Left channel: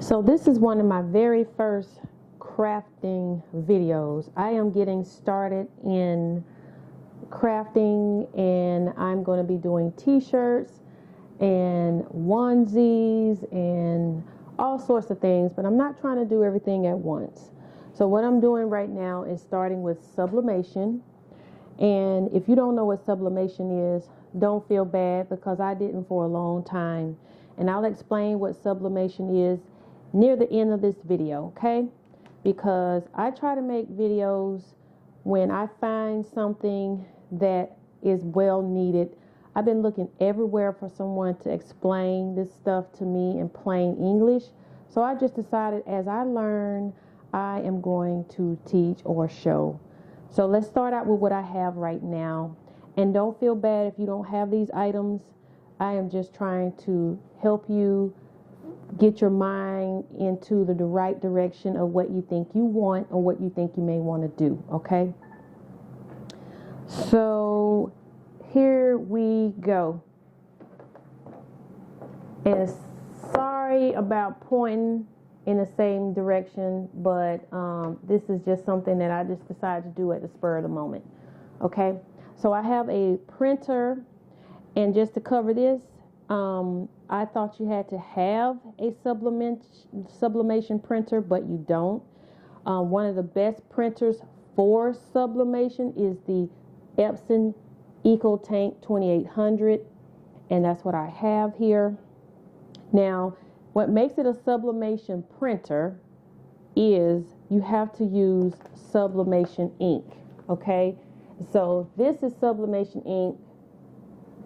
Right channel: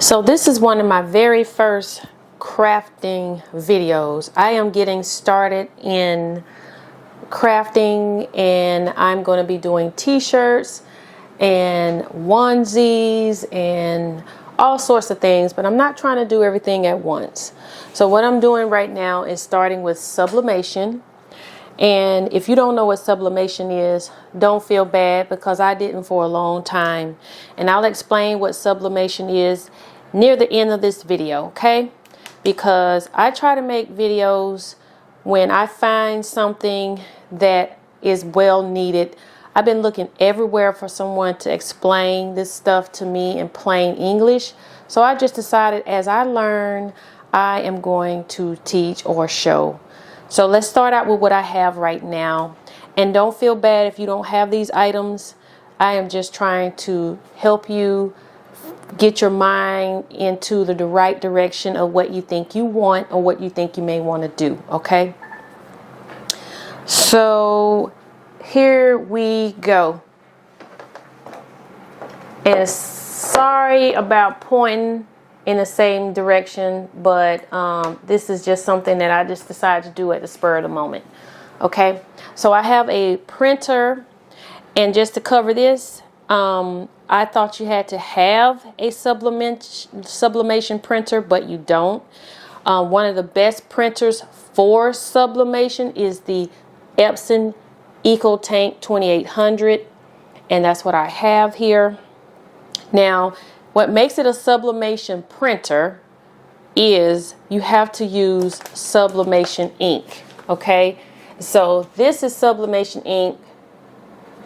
So this is one of my very first crafting videos. I am getting started in crafting, and I'm going to be doing t-shirts and onesies and all sorts of things, but I'm not trying to do everything at once. So what I'm doing right now is starting with sublimation. And if you don't know what sublimation is, don't feel bad, because I didn't for a long time. And I'll explain what sublimation is near the end of this video, okay? Because I try to make videos when I find something that is well needed. I've been looking everywhere for someone to explain this stuff to me in plain English. So I just decided as I learn, I am going to teach or show. So let's start out with what I have right now. And don't feel bad if you don't have these items. I am just trying to help you get your mind into the right direction of what you think you want or what you think you may want to do, okay? So here we go. And sorry about pointing in the same direction, but this is just something that I just decided to do at the spur of the moment. Okay, so I have a printer, and just to cover this, I thought you had to have a sublimation printer, but you don't. One of the best printers for sublimation is the Epson EcoTank 2800, and that's what I have here. Now, what makes it a sublimation printer is you have to use Sublimation Ink, okay? So this is Sublimation Ink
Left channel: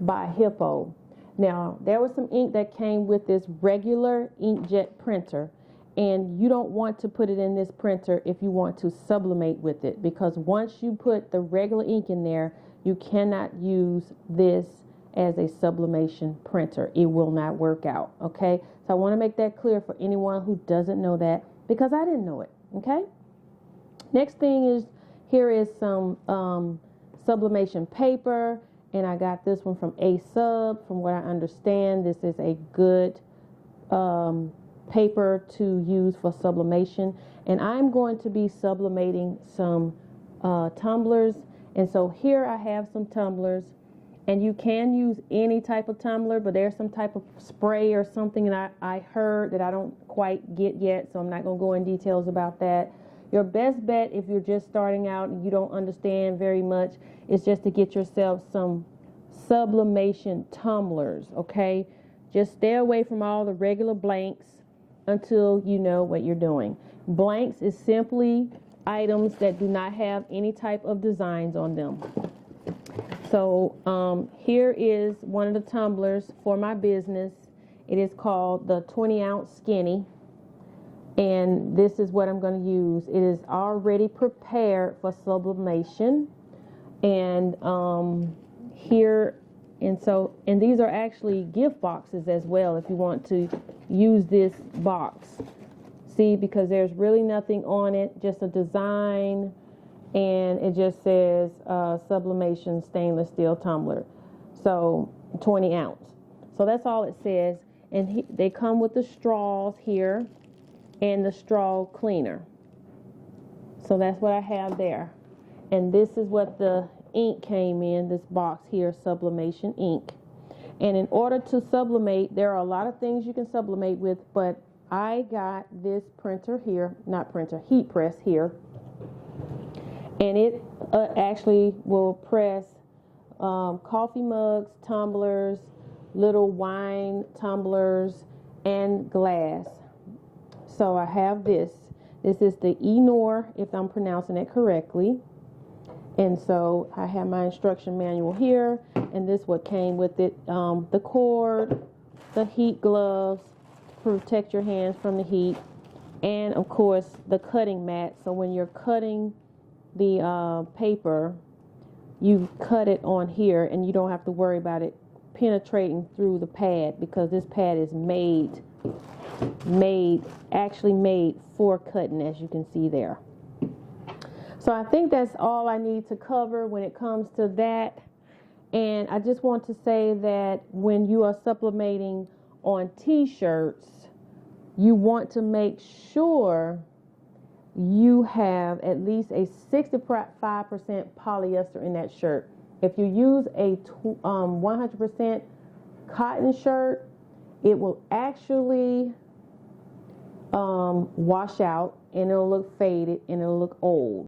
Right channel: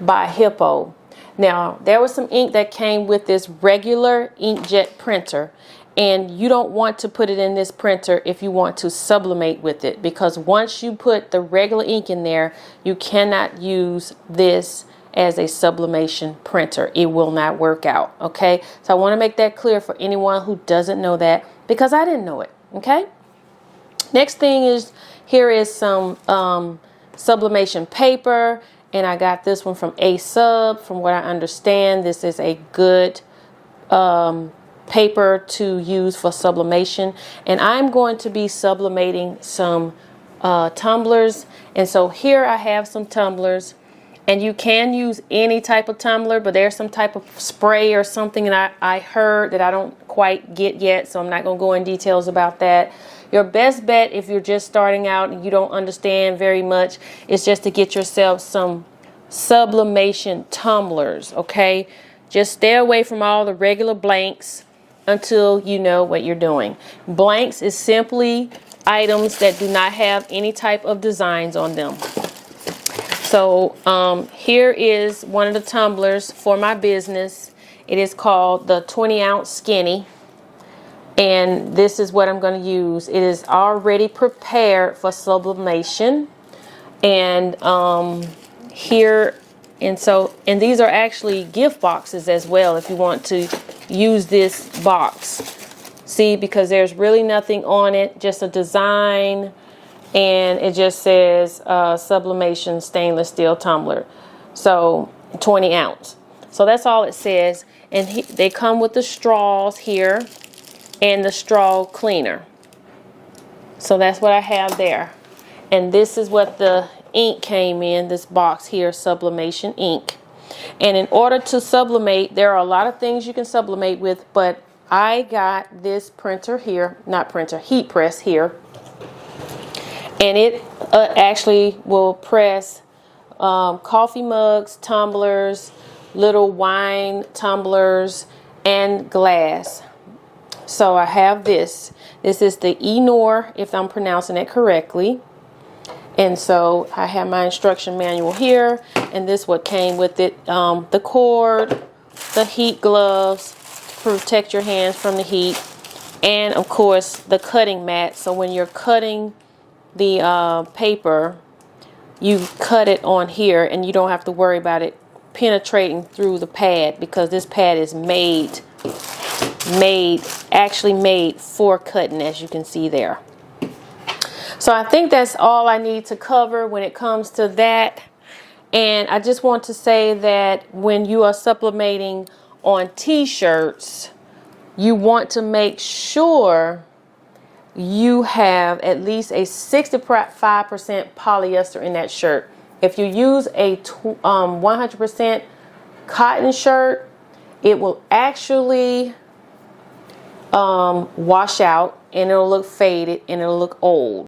by Hippo. Now, there was some ink that came with this regular inkjet printer, and you don't want to put it in this printer if you want to sublimate with it, because once you put the regular ink in there, you cannot use this as a sublimation printer. It will not work out, okay? So I want to make that clear for anyone who doesn't know that, because I didn't know it, okay? Next thing is, here is some sublimation paper, and I got this one from A-Sub. From what I understand, this is a good paper to use for sublimation, and I'm going to be sublimating some tumblers. And so here I have some tumblers. And you can use any type of tumbler, but there's some type of spray or something that I heard that I don't quite get yet, so I'm not going to go in details about that. Your best bet, if you're just starting out and you don't understand very much, is just to get yourself some sublimation tumblers, okay? Just stay away from all the regular blanks until you know what you're doing. Blanks is simply items that do not have any type of designs on them. So here is one of the tumblers for my business. It is called the 20-ounce skinny, and this is what I'm going to use. It is already prepared for sublimation, and here, and these are actually gift boxes as well if you want to use this box. See, because there's really nothing on it, just a design. And it just says sublimation stainless steel tumbler, so 20 ounce. So that's all it says. And they come with the straws here and the straw cleaner. So that's what I have there. And this is what the ink came in, this box here, Sublimation Ink. And in order to sublimate, there are a lot of things you can sublimate with, but I got this printer here, heat press here. And it actually will press coffee mugs, tumblers, little wine tumblers, and glass. So I have this. This is the Eenour, if I'm pronouncing it correctly. And so I have my instruction manual here, and this what came with it. The cord, the heat gloves to protect your hands from the heat, and of course the cutting mat. So when you're cutting the paper, you cut it on here, and you don't have to worry about it penetrating through the pad, because this pad is actually made for cutting, as you can see there. So I think that's all I need to cover when it comes to that. And I just want to say that when you are sublimating on t-shirts, you want to make sure you have at least a 65% polyester in that shirt. If you use a 100% cotton shirt, it will actually wash out, and it'll look faded and it'll look old.